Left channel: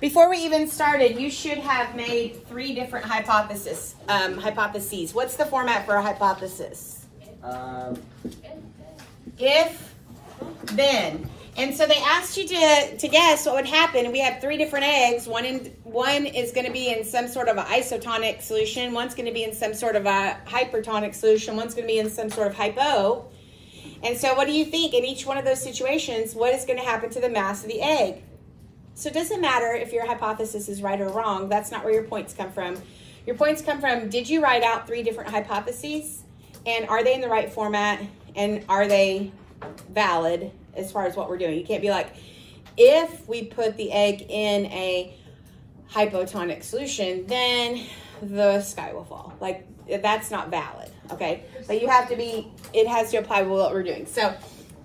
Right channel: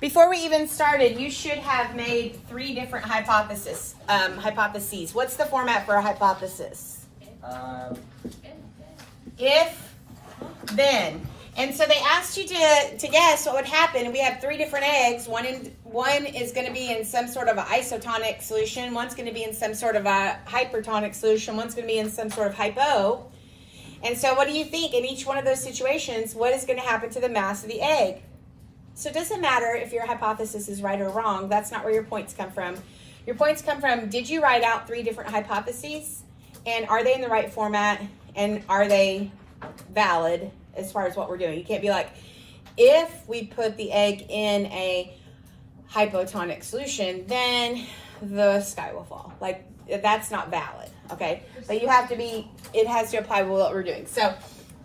Before we even started, you should have made 3 different hypotheses. What's the format for a hypothesis? If, then. And so they asked you to guess what would happen. We have 3 different eggs. One is going to be in some sort of an isotonic solution. One's going to be in some sort of a hypertonic solution. One's going to be in some sort of hypo. And so what do you think in each one of those situations, what is going to happen to the mass of the egg? So it doesn't matter if your hypothesis is right or wrong. That's not where your points come from. Your points come from, did you write out 3 different hypotheses? And are they in the right format? And are they valid as far as what we're doing? You can't be like, if we put the egg in a hypotonic solution, then the sky will fall. Like, that's not valid, okay? So you have to be, it has to apply with what we're doing. So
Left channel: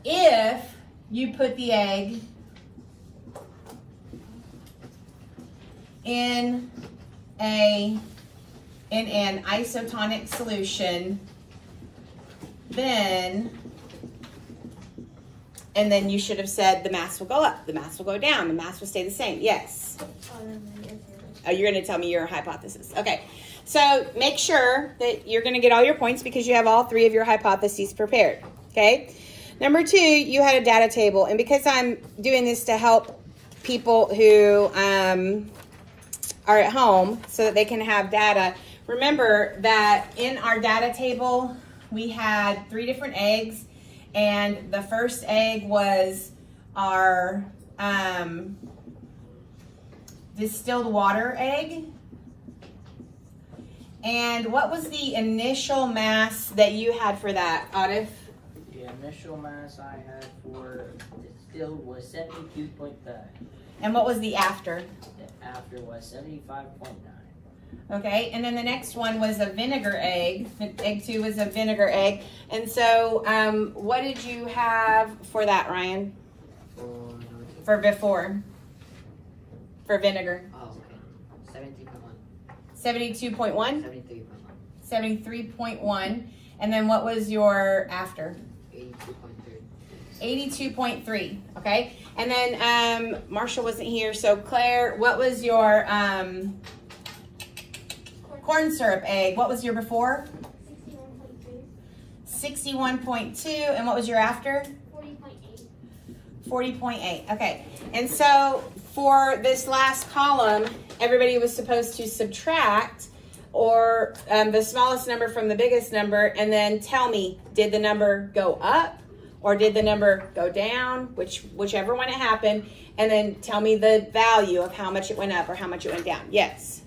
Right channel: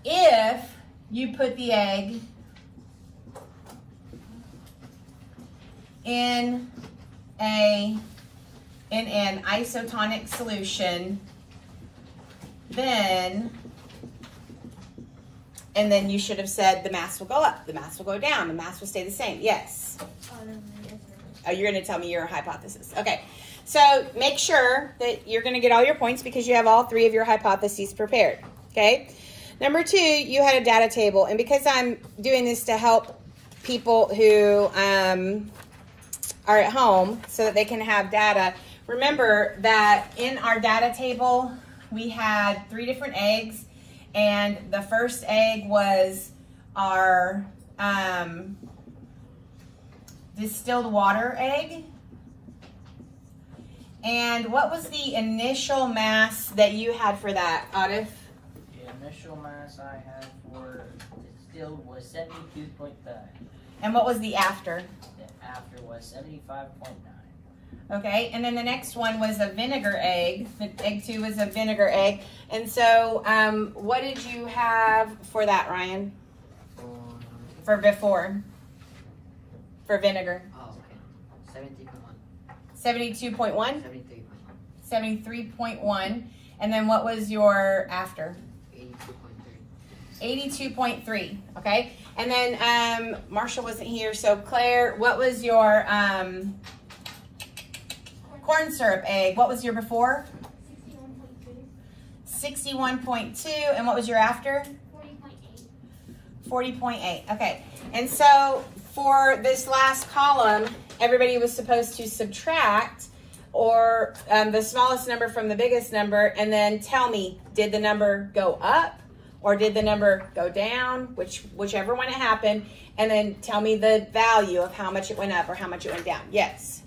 if you put the egg in an isotonic solution, then, and then you should have said the mass will go up, the mass will go down, the mass will stay the same. Yes. Oh, you're going to tell me your hypothesis. Okay. So make sure that you're going to get all your points because you have all 3 of your hypotheses prepared. Okay. Number 2, you had a data table. And because I'm doing this to help people who are at home so that they can have data, remember that in our data table, we had 3 different eggs. And the first egg was our distilled water egg. And what was the initial mass that you had for that, Atif? The initial mass I had for distilled was 72.5. And what was the after? The after was 75.9. Okay, and then the next one was a vinegar egg. Egg 2 was a vinegar egg. And so what did you have for that, Ryan? For before? For vinegar? Oh, okay. 72.1? 73.1. 73.1. And then what was your after? 82.3. 82.3, okay? And then Marshall wasn't here, so Claire, what was your corn syrup egg? What was your before? 61.2. And what was your after? 40.8. Okay. And so for this last column, everybody was supposed to subtract or the smallest number from the biggest number and then tell me, did the number go up or did the number go down, whichever one it happened, and then tell me the value of how much it went up or how much it went down. Yes.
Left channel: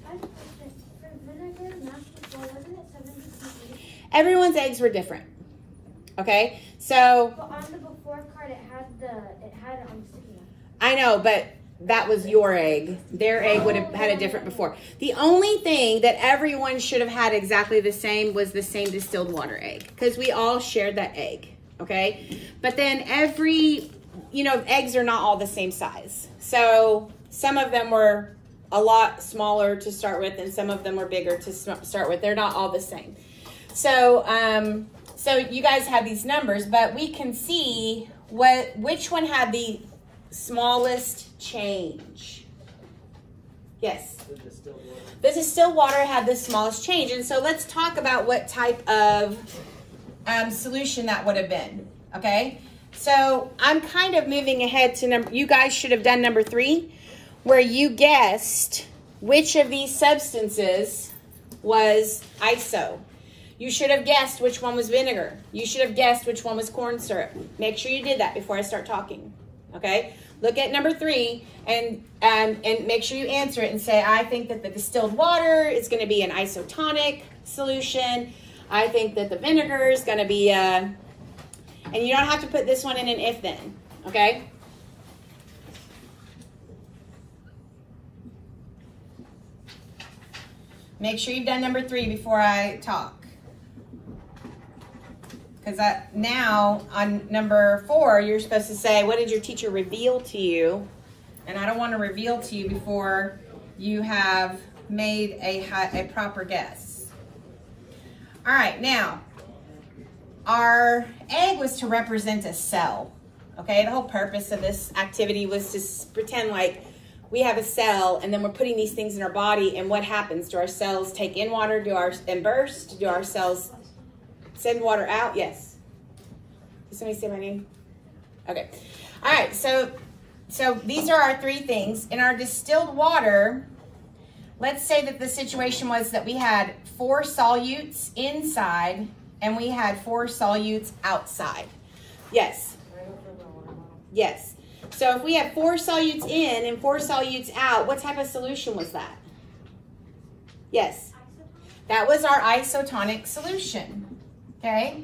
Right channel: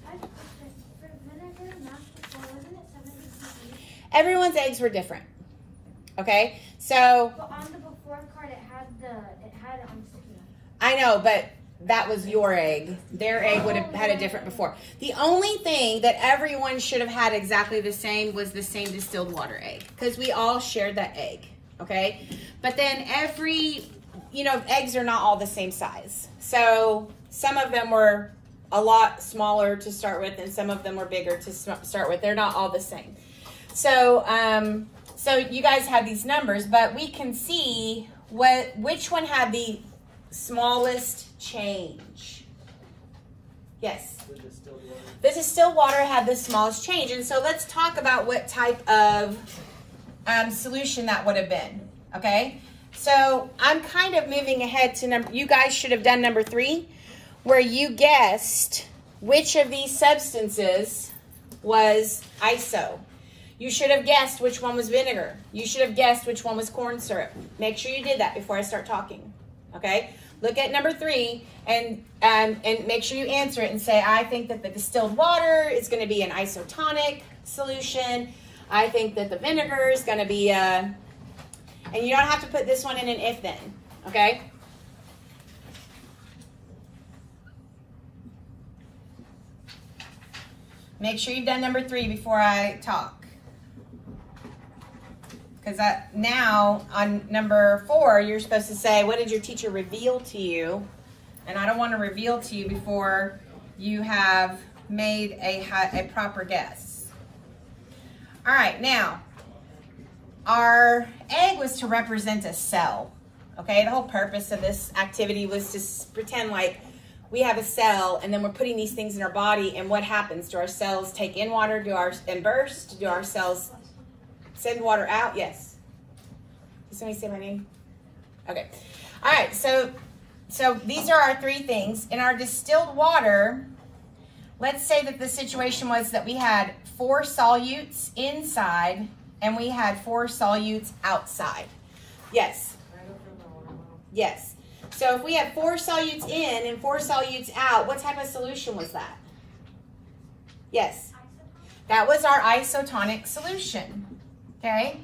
Everyone's eggs were different. Okay, so on the before card, it had on scale. I know, but that was your egg. Their egg would have had a different before. The only thing that everyone should have had exactly the same was the same distilled water egg because we all shared that egg. Okay, but then eggs are not all the same size. So some of them were a lot smaller to start with, and some of them were bigger to start with. They're not all the same. So, so you guys have these numbers, but we can see which one had the smallest change. Yes. The distilled water had the smallest change. And so let's talk about what type of solution that would have been. Okay. So I'm kind of moving ahead to you guys should have done number 3, where you guessed which of these substances was iso. You should have guessed which one was vinegar. You should have guessed which one was corn syrup. Make sure you did that before I start talking, okay? Look at number 3 and make sure you answer it and say, I think that the distilled water is going to be an isotonic solution. I think that the vinegar is going to be and you don't have to put this one in an if then, okay? Make sure you've done number 3 before I talk. Because now on number 4, you're supposed to say, what did your teacher reveal to you? And I don't want to reveal to you before you have made a proper guess. All right, now, our egg was to represent a cell, okay? The whole purpose of this activity was to pretend like we have a cell, and then we're putting these things in our body, and what happens? Do our cells take in water? And burst? Do our cells send water out? Yes. Did somebody say my name? Okay. All right, so these are our three things. In our distilled water, let's say that the situation was that we had 4 solutes inside, and we had 4 solutes outside. Yes. Yes. So if we have 4 solutes in and 4 solutes out, what type of solution was that? Yes. That was our isotonic solution. Okay.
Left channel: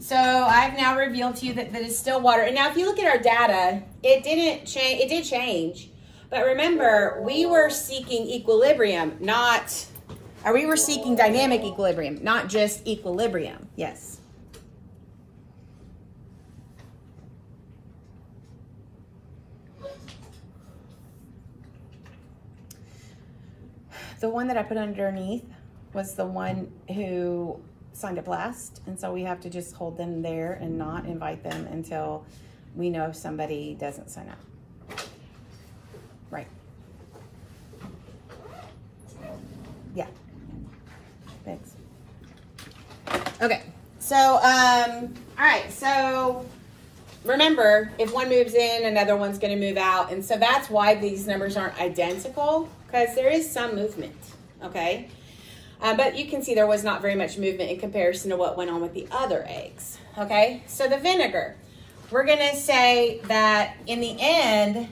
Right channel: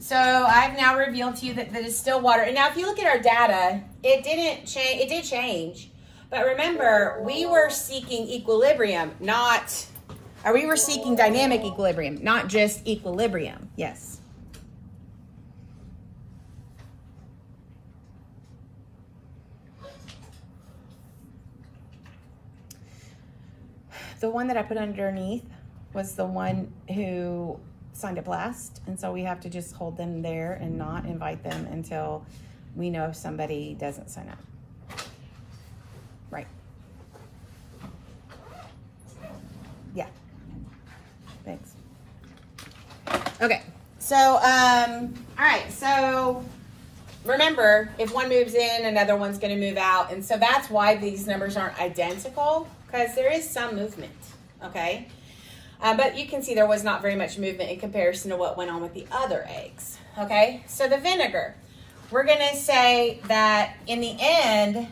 So I've now revealed to you that the distilled water, and now if you look at our data, it didn't change, it did change. But remember, we were seeking equilibrium, we were seeking dynamic equilibrium, not just equilibrium. Yes. The one that I put underneath was the one who signed up last, and so we have to just hold them there and not invite them until we know if somebody doesn't sign up. Right. Yeah. Thanks. Okay. So, all right. So remember, if one moves in, another one's going to move out. And so that's why these numbers aren't identical, because there is some movement. Okay. But you can see there was not very much movement in comparison to what went on with the other eggs. Okay. So the vinegar, we're going to say that in the end,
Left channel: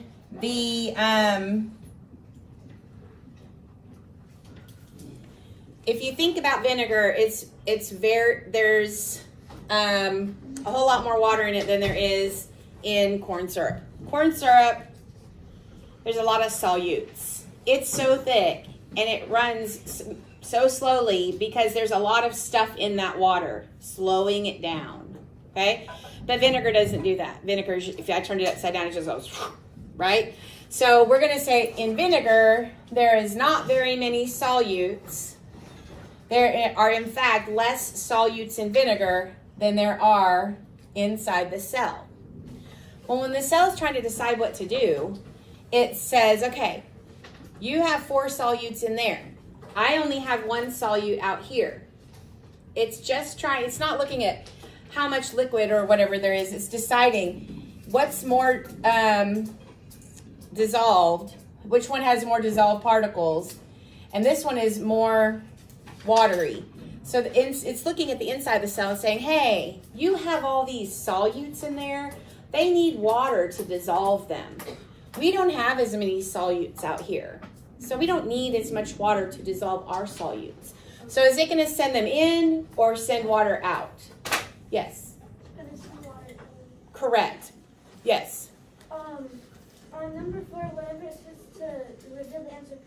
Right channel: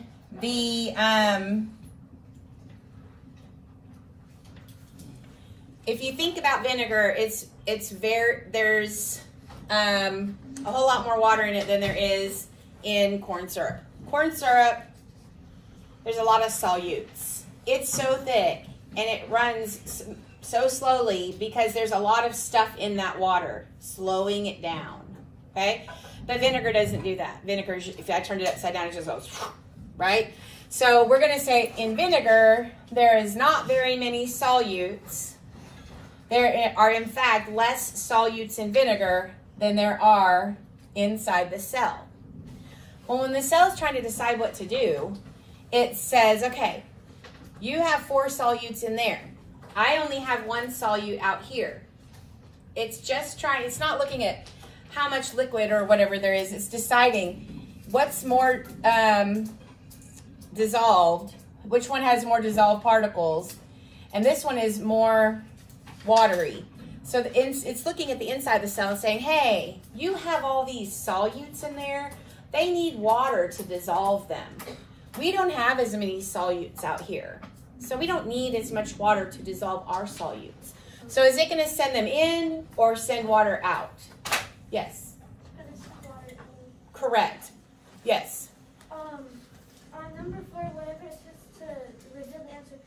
if you think about vinegar, there's a whole lot more water in it than there is in corn syrup. Corn syrup, there's a lot of solutes. It's so thick and it runs so slowly because there's a lot of stuff in that water, slowing it down, okay? But vinegar doesn't do that. Vinegar, if I turn it upside down, it just goes, right? So we're gonna say in vinegar, there is not very many solutes. There are in fact less solutes in vinegar than there are inside the cell. Well, when the cell is trying to decide what to do, it says, okay, you have 4 solutes in there. I only have 1 solute out here. It's just it's not looking at how much liquid or whatever there is. It's deciding what's more dissolved, which one has more dissolved particles, and this one is more watery. So it's looking at the inside of the cell and saying, hey, you have all these solutes in there. They need water to dissolve them. We don't have as many solutes out here. So we don't need as much water to dissolve our solutes. So is it going to send them in or send water out? Yes. Correct. Yes. On number 4, whenever it's supposed to reveal the answer,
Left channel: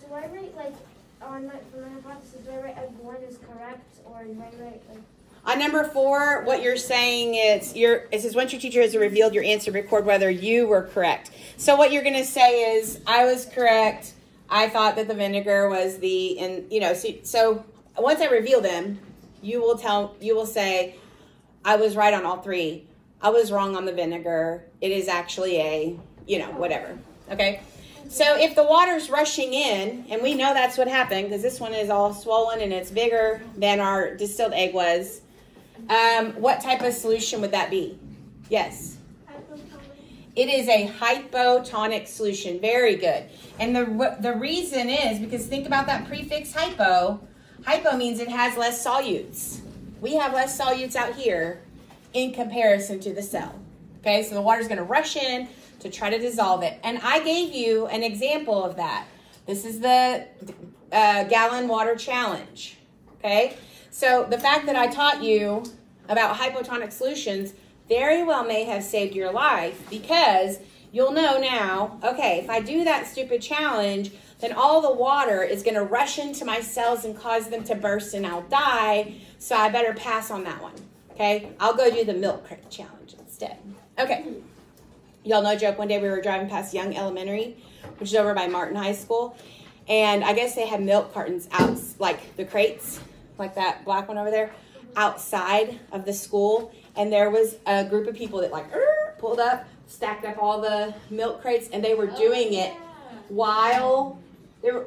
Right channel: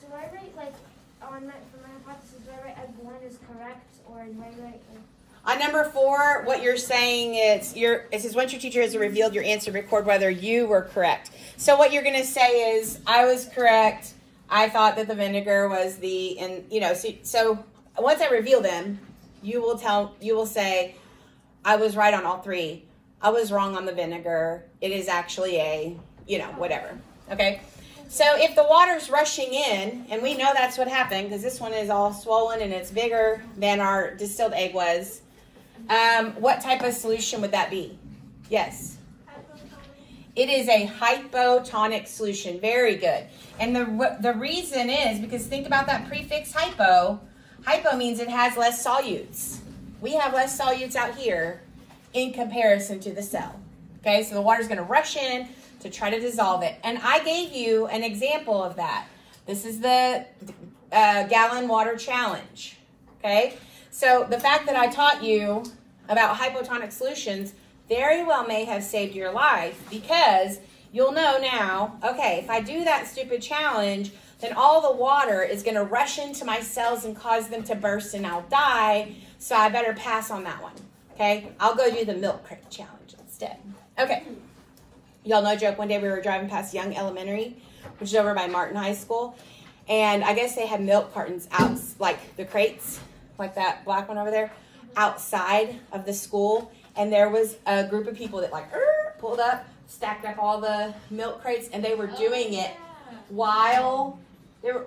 do I write like on my hypothesis? Do I write as 1 is correct, or do I write like? On number 4, what you're saying is it says once your teacher has revealed your answer, record whether you were correct. So what you're going to say is I was correct. I thought that the vinegar was so once I reveal them, you will say I was right on all 3. I was wrong on the vinegar. It is actually a, whatever. Okay. So if the water's rushing in, and we know that's what happened because this one is all swollen and it's bigger than our distilled egg was, what type of solution would that be? Yes. It is a hypotonic solution. Very good. And the reason is because think about that prefix hypo. Hypo means it has less solutes. We have less solutes out here in comparison to the cell. Okay, so the water's going to rush in to try to dissolve it. And I gave you an example of that. This is the gallon water challenge. Okay, so the fact that I taught you about hypotonic solutions very well may have saved your life because you'll know now, okay, if I do that stupid challenge, then all the water is going to rush into my cells and cause them to burst and I'll die. So I better pass on that one. Okay, I'll go do the milk crate challenge instead. Okay, y'all know, joke, one day we were driving past Young Elementary, which is over by Martin High School. And I guess they had milk cartons out, like the crates, like that black one over there, outside of the school. And there was a group of people that pulled up, stacked up all the milk crates, and they were doing it while there.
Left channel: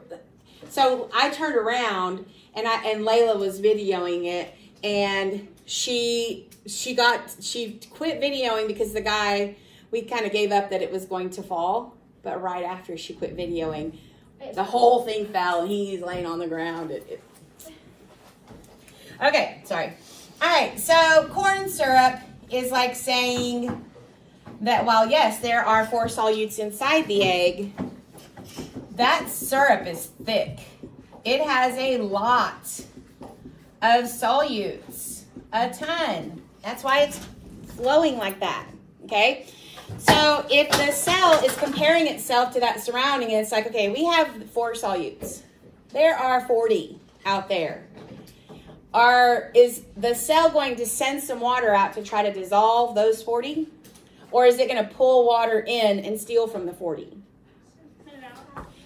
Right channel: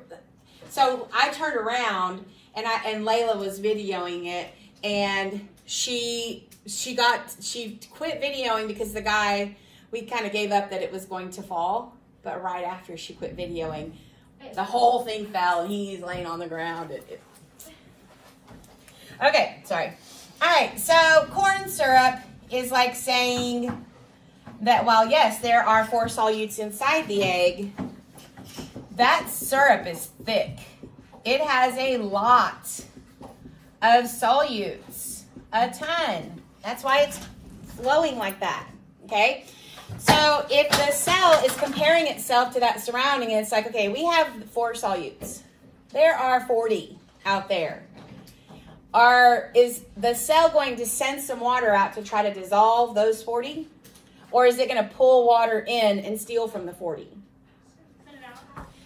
So I turned around and Layla was videoing it, and she quit videoing because the guy, we kind of gave up that it was going to fall, but right after she quit videoing, the whole thing fell and he's laying on the ground. Okay, sorry. All right, so corn syrup is like saying that while yes, there are 4 solutes inside the egg, that syrup is thick. It has a lot of solutes, a ton. That's why it's flowing like that, okay? So if the cell is comparing itself to that surrounding, it's like, okay, we have 4 solutes. There are 40 out there. Is the cell going to send some water out to try to dissolve those 40? Or is it going to pull water in and steal from the 40?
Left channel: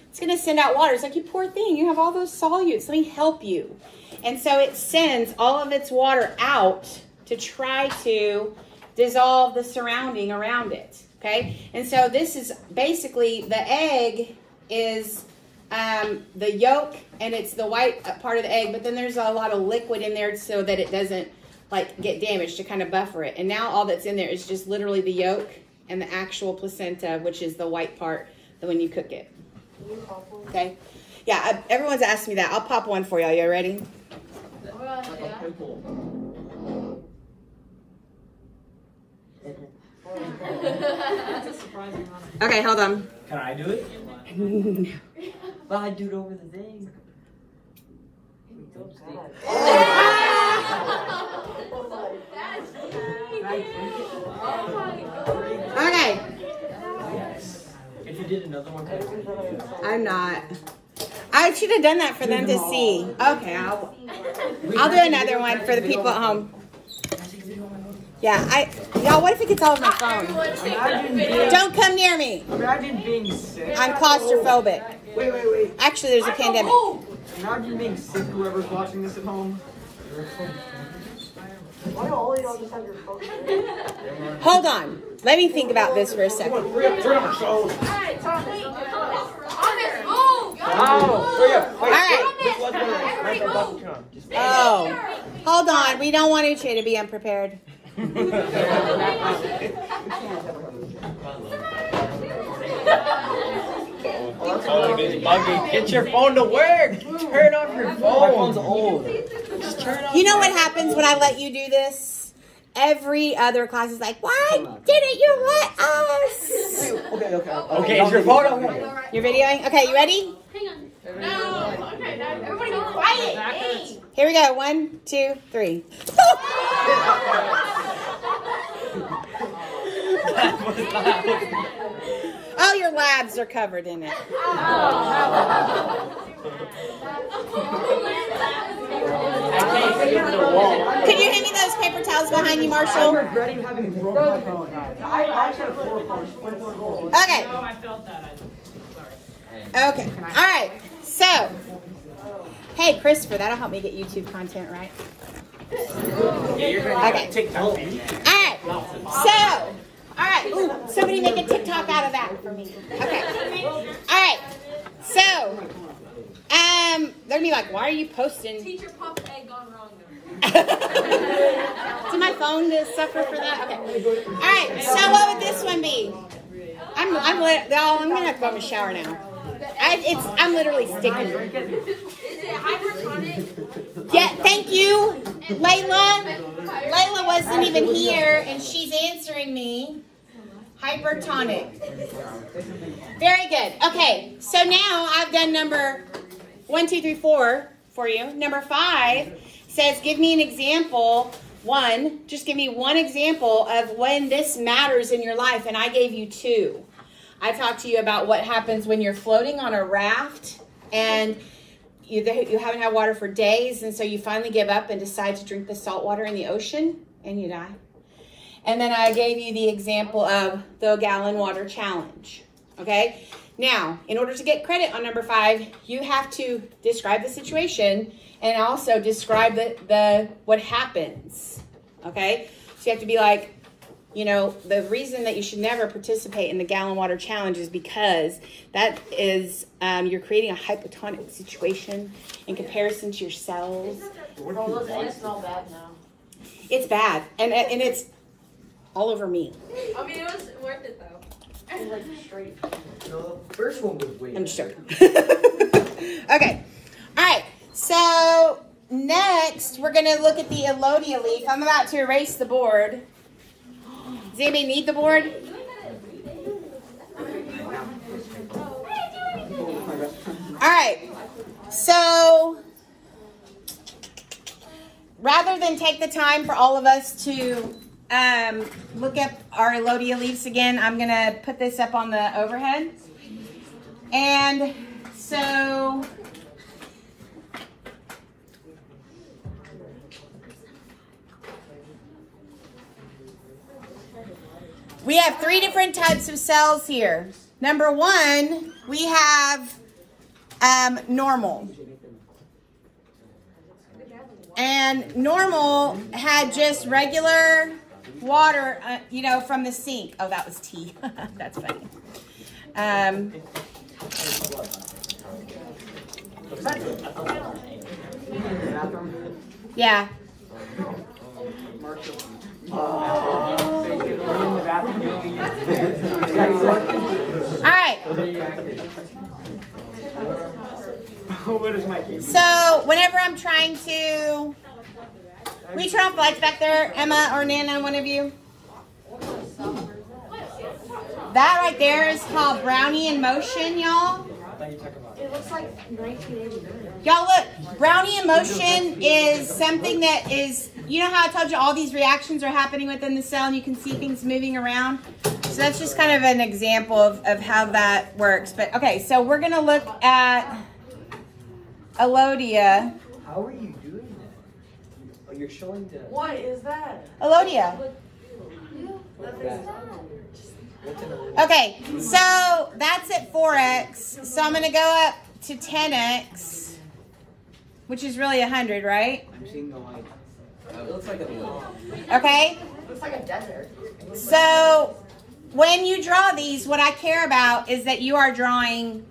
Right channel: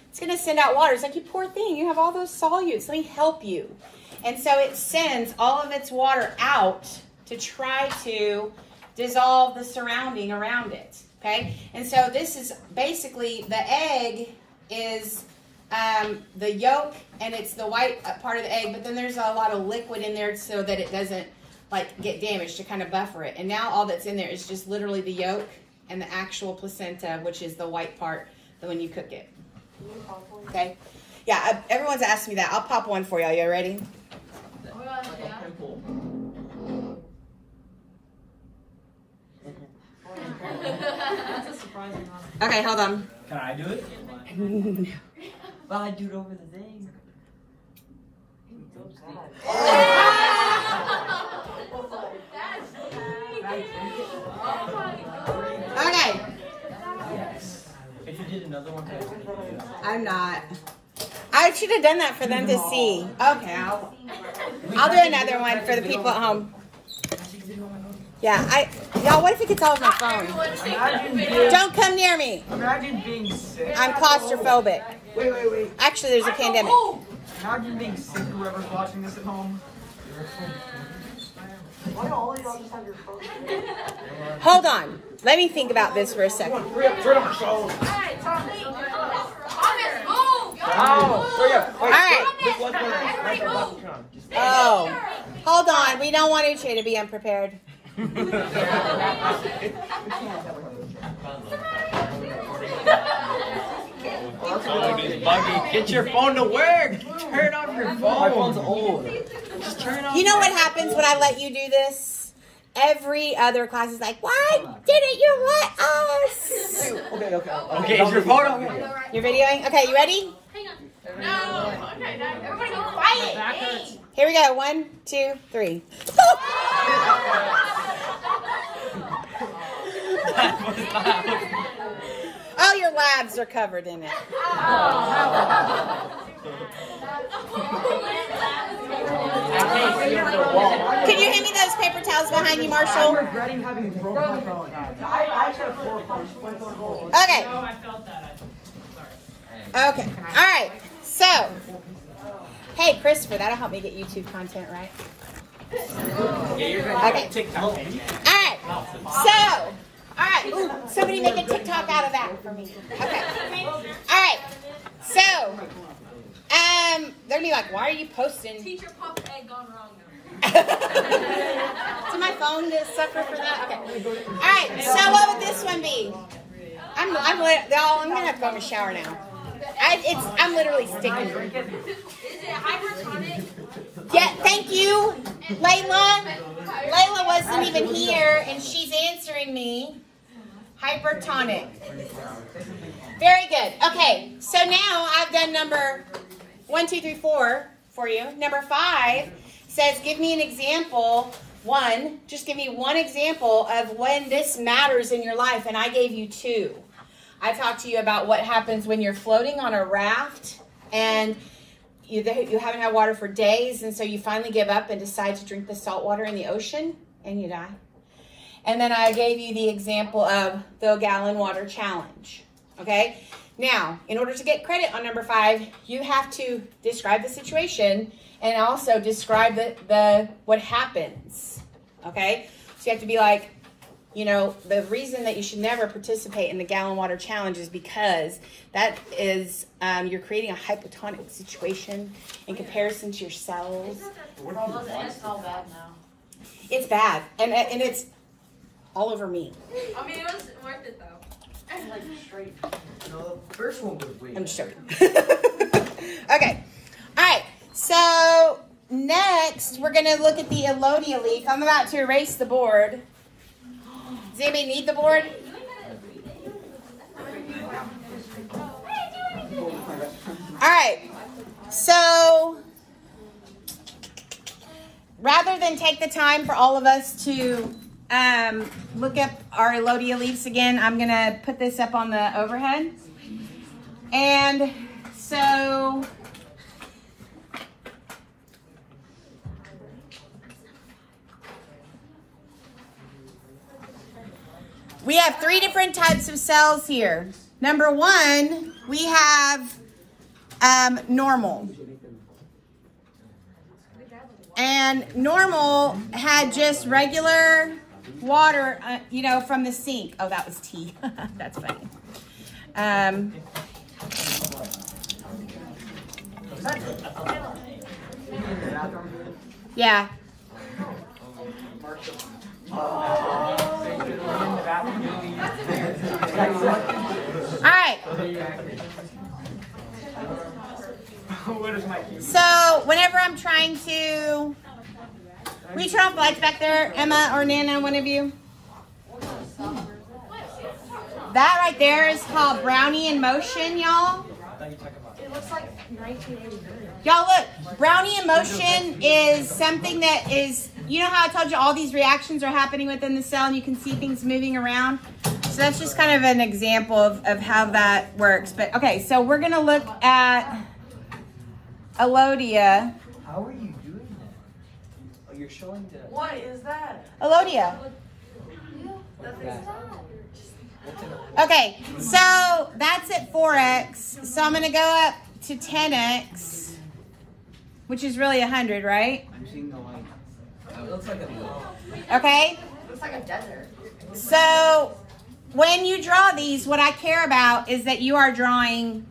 It's going to send out water. It's like, you poor thing, you have all those solutes. Let me help you. And so it sends all of its water out to try to dissolve the surrounding around it, okay? And so this is basically, the egg is the yolk, and it's the white part of the egg, but then there's a lot of liquid in there so that it doesn't like get damaged, to kind of buffer it. And now all that's in there is just literally the yolk and the actual placenta, which is the white part when you cook it. Okay? Yeah, everyone's asking me that. I'll pop one for y'all. You ready? Okay, hold on. Can I do it? No. Well, I do it over the thing. Okay. If you did another one, I'm not. I should have done that for them to see. Okay, I'll do another one for the people at home. Yeah, y'all, what if it gets all of my phone? Don't come near me. I'm claustrophobic. Wait. Actually, there's a pandemic. Imagine being sick, whoever's watching this at home. Hold on. Let me think about this for a second. All right. Oh, hold on. We don't want each to be unprepared. Get your phone to work. Turn on your phone. My phone's old. Just turn it on. You know what happens when I let you do this? Every other class is like, why didn't you let us? Okay, is your phone okay? You're videoing? Okay, you ready? No. Okay, everybody go quiet. Hey. Here we go. 1, 2, 3. Oh, your labs are covered in it. Can you hand me those paper towels behind you, Marshall? Okay. Okay. All right. So, hey, Christopher, that'll help me get YouTube content, right? Okay. All right. So, all right. Ooh, somebody make a TikTok out of that for me. Okay. All right. So, they're gonna be like, why are you posting? Teacher pump egg gone wrong. To my phone to suffer for that? Okay. All right. So, what would this one be? I'm gonna have to go in the shower now. I'm literally sticking. Is it hypertonic? Yeah, thank you, Layla. Layla wasn't even here, and she's answering me. Hypertonic. Very good. Okay, so now I've done number 1, 2, 3, 4 for you. Number 5 says, give me an example. Just give me one example of when this matters in your life, and I gave you 2. I talked to you about what happens when you're floating on a raft and you haven't had water for days, and so you finally give up and decide to drink the salt water in the ocean and you die. And then I gave you the example of the gallon water challenge. Okay? Now, in order to get credit on number 5, you have to describe the situation and also describe what happens. Okay? So you have to be like, You know, the reason that you should never participate in the gallon water challenge is because that is, you're creating a hypotonic situation in comparison to your cells. Well, those eggs smell bad now. It's bad, and it's all over me. I mean, it was worth it though. Like straight. The first one was way I'm just joking. Okay. All right. So next, we're going to look at the Elodea leaf. I'm about to erase the board. Does anybody need the board? All right. So rather than take the time for all of us to look up our Elodea leaves again, I'm going to put this up on the overhead. And so we have 3 different types of cells here. Number 1, we have normal. And normal had just regular water, you know, from the sink. Oh, that was tea. That's funny. Yeah. All right. So whenever I'm trying to reach off lights back there, Emma or Nana, one of you. That right there is called brownie in motion, y'all. It looks like 1980. Y'all look, brownie in motion is something that is, you know how I told you all these reactions are happening within the cell and you can see things moving around? So that's just kind of an example of how that works. But okay, so we're gonna look at Elodea. How are you doing that? Oh, you're showing the... What is that? Elodea. Okay, so that's at 4x. So I'm gonna go up to 10x, which is really 100, right? It looks like a... Okay? Looks like a desert. So when you draw these, what I care about is that you are drawing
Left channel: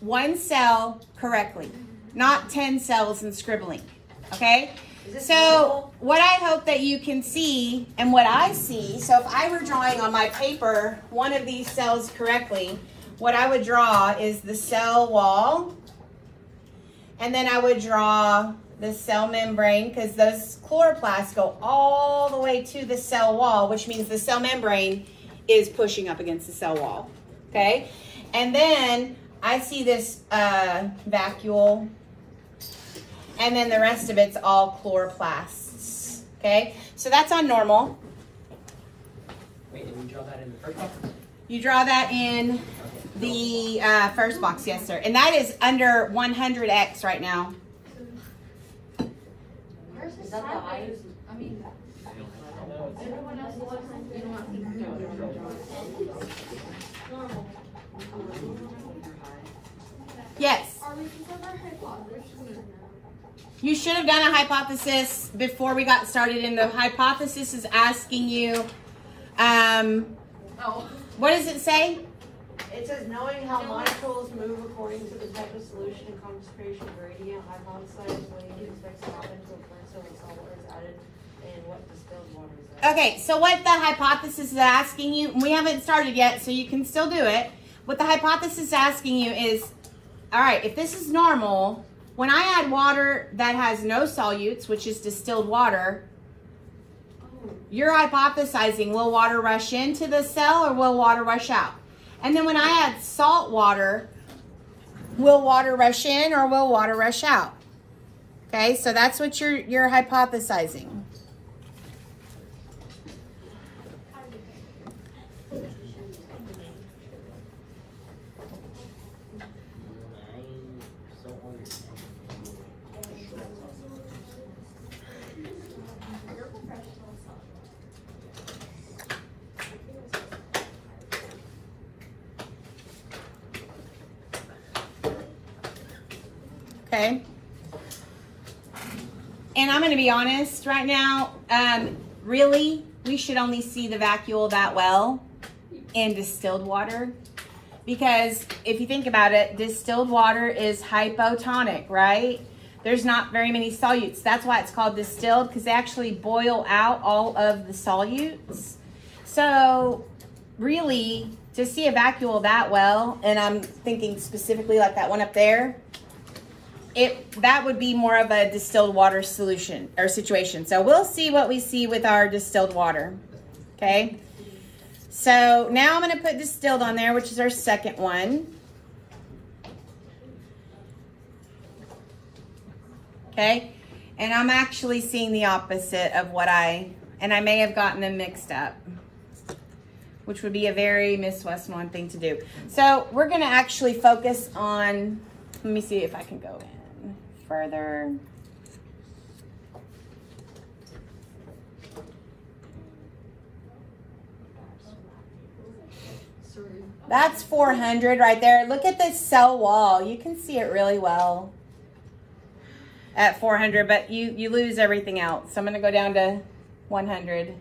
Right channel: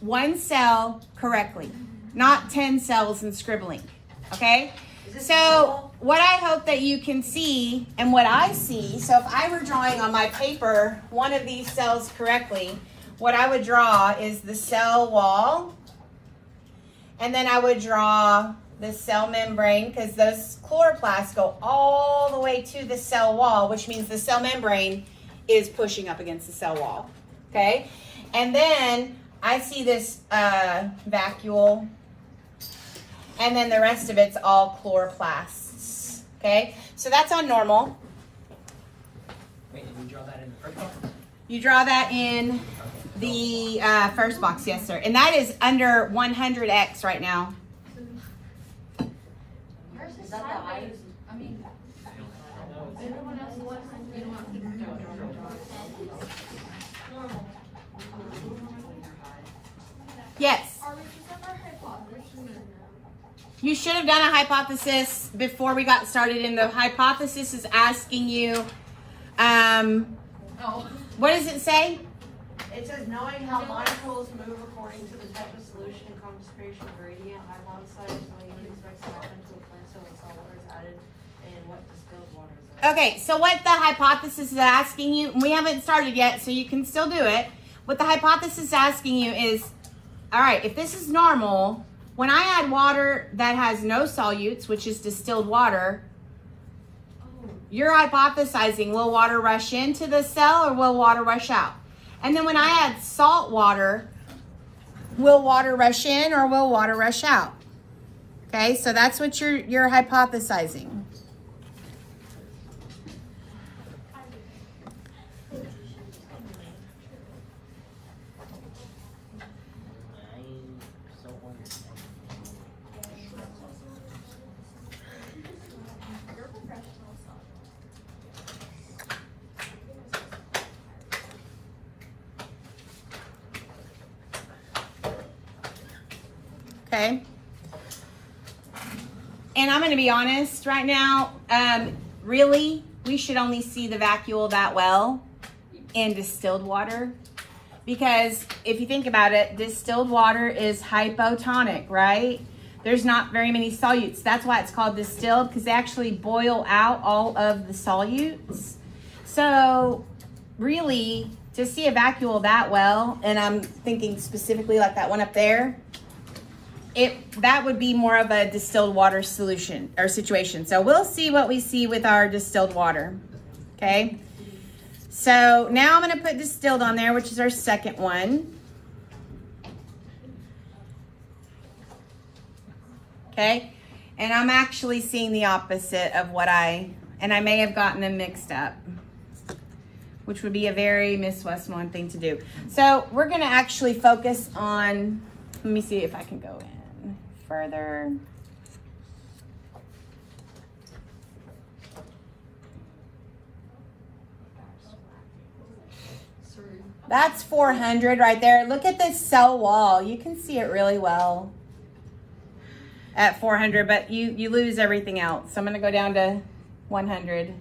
one cell correctly, not 10 cells and scribbling, okay? So what I hope that you can see and what I see, so if I were drawing on my paper one of these cells correctly, what I would draw is the cell wall, and then I would draw the cell membrane, because those chloroplasts go all the way to the cell wall, which means the cell membrane is pushing up against the cell wall, okay? And then I see this vacuole, and then the rest of it's all chloroplasts, okay? So that's on normal. Wait, did we draw that in the first box? You draw that in the first box, yes, sir. And that is under 100x right now. Is that the highest? I mean, everyone else looks like you know. Yes. You should have done a hypothesis before we got started, and the hypothesis is asking you, what does it say? It says knowing how molecules move according to the type of solution informs creation of gradient hypothesis when you can expect to happen to occur so much color is added and what distilled water is added. Okay, so what the hypothesis is asking you, we haven't started yet, so you can still do it. What the hypothesis is asking you is, all right, if this is normal, when I add water that has no solutes, which is distilled water, you're hypothesizing, will water rush into the cell or will water rush out? And then when I add salt water, will water rush in or will water rush out? Okay, so that's what you're hypothesizing. Okay. And I'm going to be honest right now, really, we should only see the vacuole that well in distilled water. Because if you think about it, distilled water is hypotonic, right? There's not very many solutes. That's why it's called distilled, because they actually boil out all of the solutes. So really, to see a vacuole that well, and I'm thinking specifically like that one up there, that would be more of a distilled water solution or situation. So we'll see what we see with our distilled water, okay? So now I'm gonna put distilled on there, which is our second one. Okay, and I'm actually seeing the opposite of what and I may have gotten them mixed up, which would be a very Miss Westmoreland thing to do. So we're gonna actually focus on, let me see if I can go in further. That's 400 right there. Look at this cell wall. You can see it really well at 400, but you lose everything else. So I'm gonna go down to 100.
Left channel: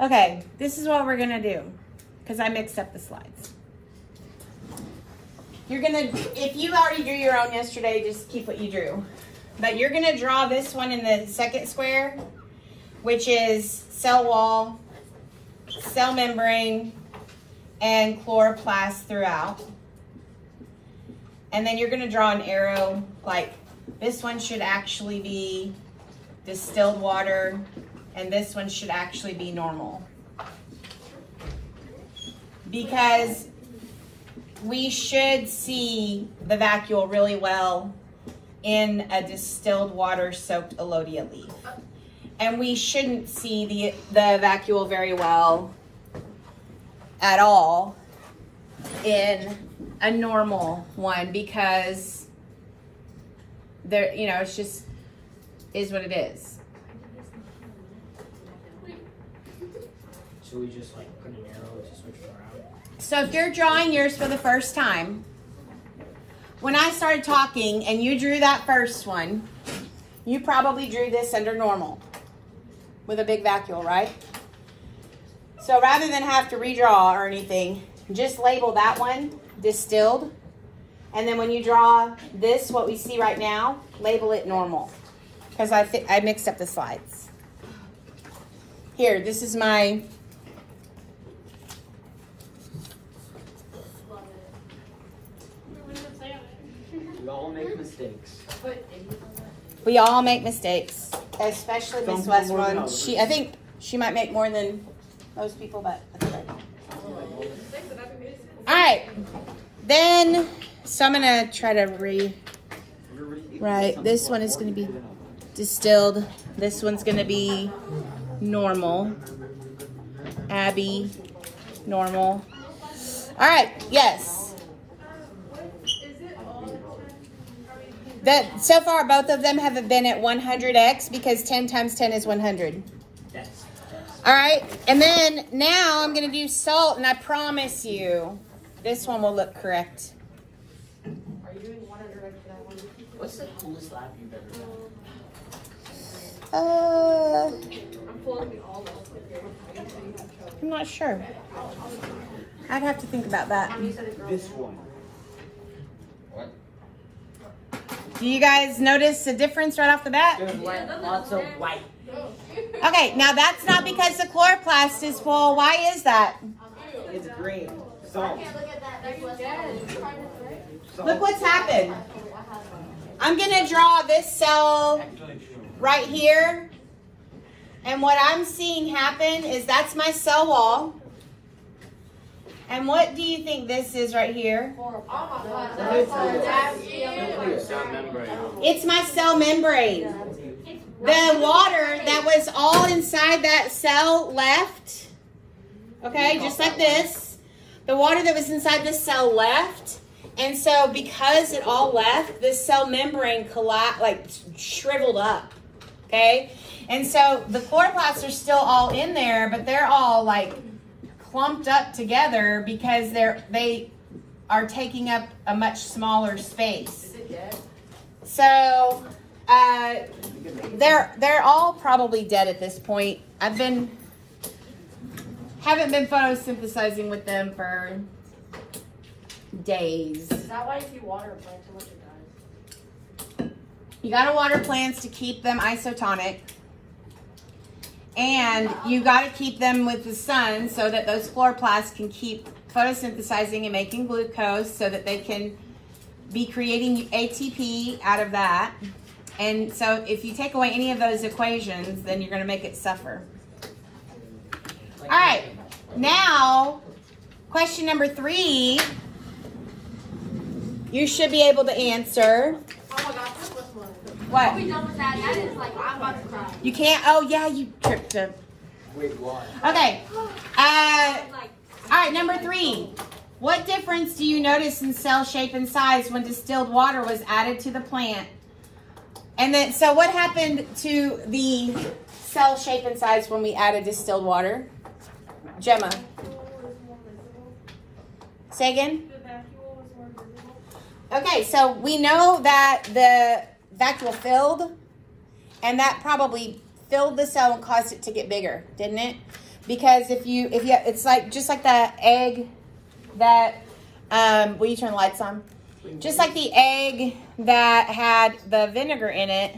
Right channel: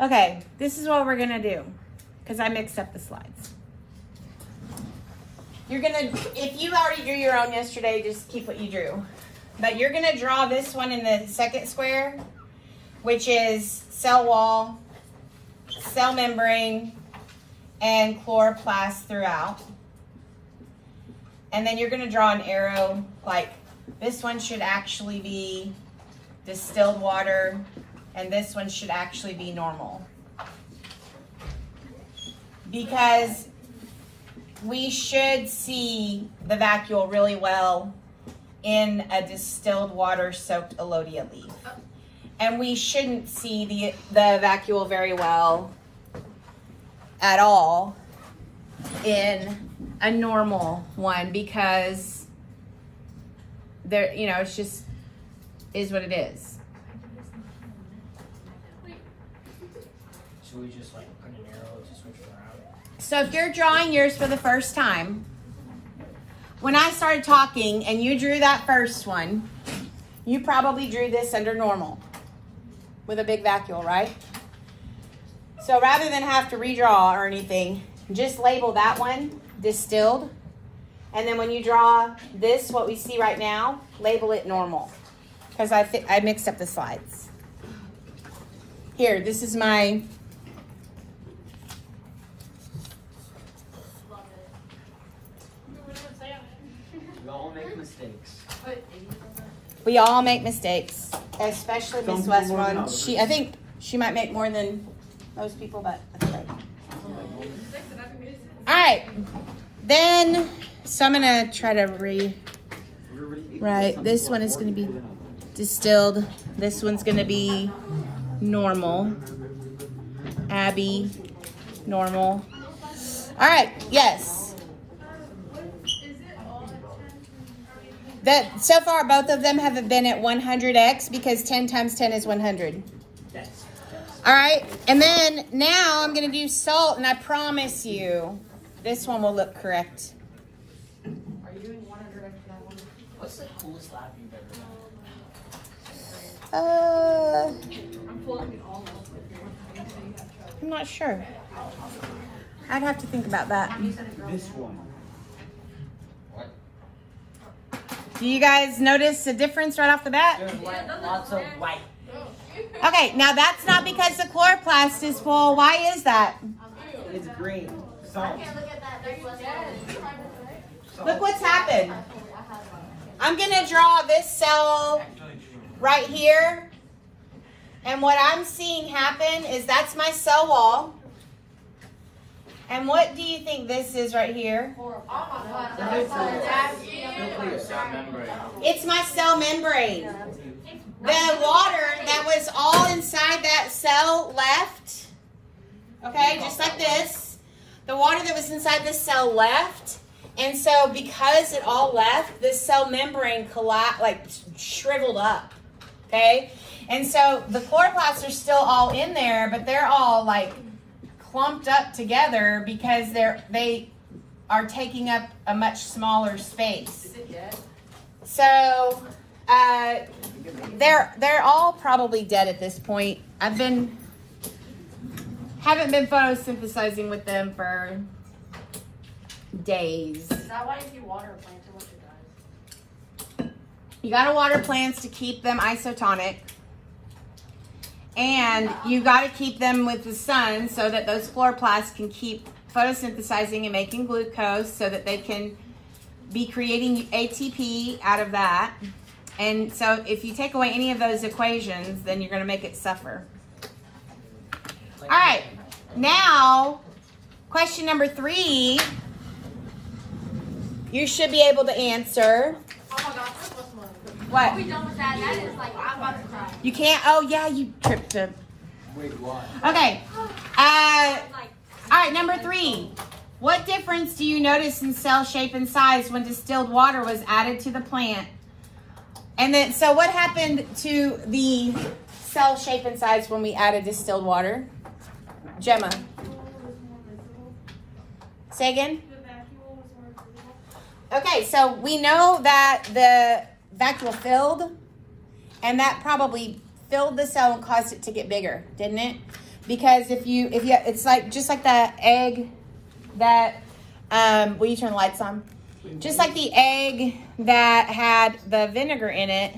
Okay, this is what we're gonna do, because I mixed up the slides. You're gonna, if you already drew your own yesterday, just keep what you drew. But you're gonna draw this one in the second square, which is cell wall, cell membrane, and chloroplast throughout. And then you're gonna draw an arrow, like this one should actually be distilled water, and this one should actually be normal. Because we should see the vacuole really well in a distilled water soaked Elodea leaf. And we shouldn't see the vacuole very well at all in a normal one, because there, you know, it's just is what it is. So we just like put an arrow to switch it around? So if they're drawing yours for the first time, when I started talking and you drew that first one, you probably drew this under normal with a big vacuole, right? So rather than have to redraw or anything, just label that one distilled. And then when you draw this, what we see right now, label it normal. Because I think I mixed up the slides. Here, this is my We all make mistakes. We all make mistakes, especially Miss Westmoreland. I think she might make more than most people, but that's okay. All right, then, so I'm gonna try to rewrite. This one is gonna be distilled. This one's gonna be normal. Abby, normal. All right, yes. So far, both of them have been at 100x because 10 times 10 is 100. Yes. All right, and then now I'm gonna do salt, and I promise you, this one will look correct. Are you doing 100 for that one? What's the coolest lab you've ever done? I'm pulling all those with you. I'm not sure. I'd have to think about that. This one. Do you guys notice a difference right off the bat? There's lots of white. Okay, now that's not because the chloroplast is full. Why is that? It's green. Salt. Look what's happened. I'm gonna draw this cell right here. And what I'm seeing happen is that's my cell wall. And what do you think this is right here? It's my cell membrane. The water that was all inside that cell left, okay, just like this. The water that was inside the cell left. And so because it all left, the cell membrane shriveled up, okay? And so the chloroplasts are still all in there, but they're all like clumped up together because they are taking up a much smaller space. So they're all probably dead at this point. Haven't been photosynthesizing with them for days. That way if you water plants, it won't die. You gotta water plants to keep them isotonic. And you gotta keep them with the sun so that those chloroplasts can keep photosynthesizing and making glucose so that they can be creating ATP out of that. And so if you take away any of those equations, then you're gonna make it suffer. All right, now, question number 3, you should be able to answer. What? You can't, oh yeah, you tripped it. Okay, all right, number 3. What difference do you notice in cell shape and size when distilled water was added to the plant? And then, so what happened to the cell shape and size when we added distilled water? Gemma. Say again? Okay, so we know that the vacuole filled, and that probably filled the cell and caused it to get bigger, didn't it? Because if you, it's like, just like that egg that, will you turn the lights on? Just like the egg that had the vinegar in it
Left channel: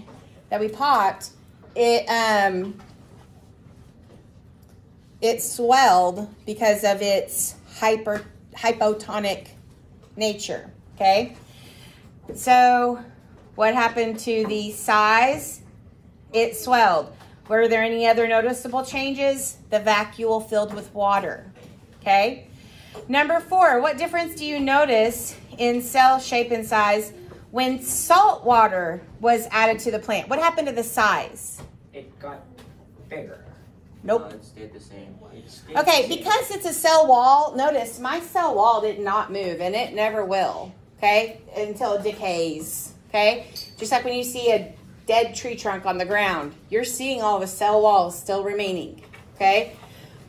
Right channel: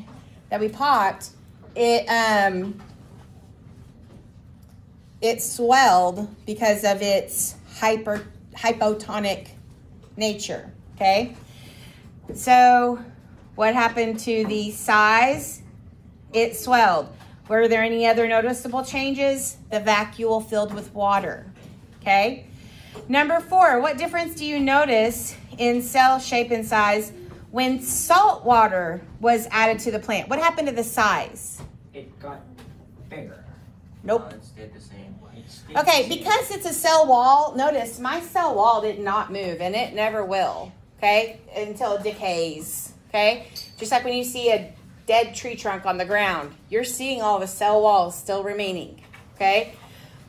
that we popped, it swelled because of its hypotonic nature, okay? So what happened to the size? It swelled. Were there any other noticeable changes? The vacuole filled with water, okay? Number 4, what difference do you notice in cell shape and size when salt water was added to the plant? What happened to the size? It got bigger. Nope. It stayed the same. Okay, because it's a cell wall, notice my cell wall did not move, and it never will, okay, until it decays, okay? Just like when you see a dead tree trunk on the ground, you're seeing all the cell walls still remaining, okay?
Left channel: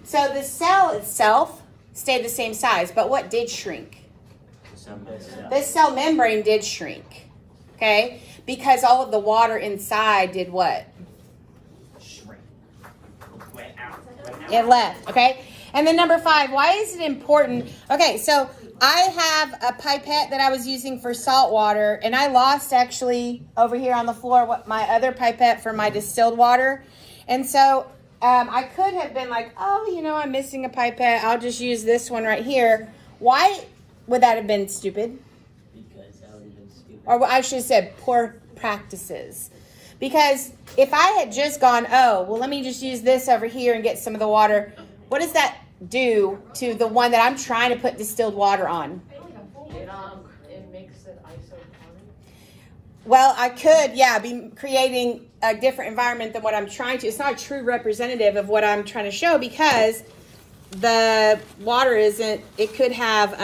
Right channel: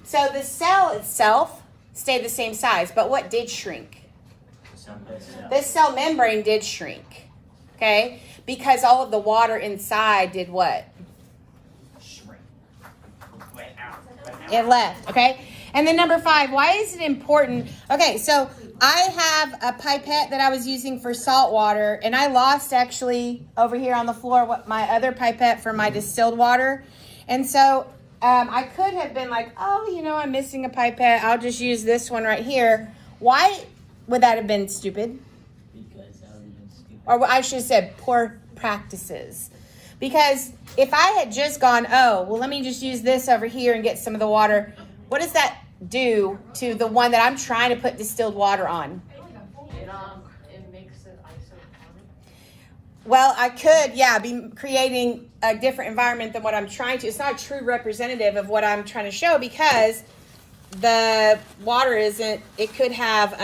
So the cell itself stayed the same size, but what did shrink? The cell membrane did shrink, okay? Because all of the water inside did what? It left, okay? And then number 5, why is it important? Okay, so I have a pipette that I was using for salt water, and I lost actually over here on the floor my other pipette for my distilled water. And so I could have been like, oh, you know, I'm missing a pipette. I'll just use this one right here. Why would that have been stupid? Because that would have been stupid. Or I should have said poor practices. Because if I had just gone, oh, well, let me just use this over here and get some of the water, what does that do to the one that I'm trying to put distilled water on? It makes it isotonic. Well, I could, yeah, be creating a different environment than what I'm trying to. It's not a true representative of what I'm trying to show because the water isn't, it could have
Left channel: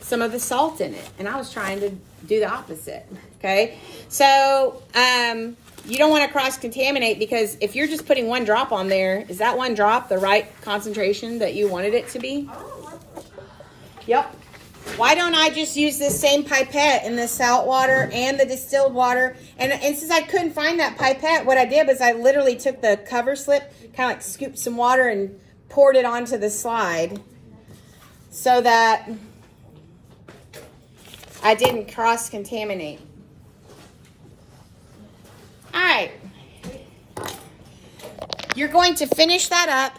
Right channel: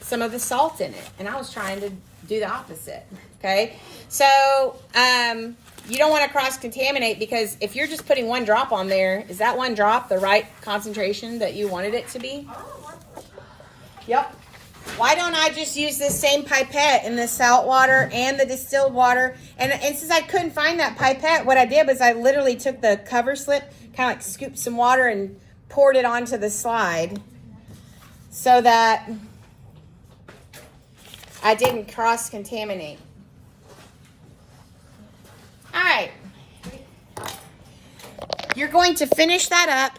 some of the salt in it. And I was trying to do the opposite, okay? So you don't want to cross-contaminate because if you're just putting one drop on there, is that one drop the right concentration that you wanted it to be? Yep. Why don't I just use this same pipette in the salt water and the distilled water? And since I couldn't find that pipette, what I did was I literally took the cover slip, kind of like scooped some water and poured it onto the slide so that I didn't cross-contaminate. All right. You're going to finish that up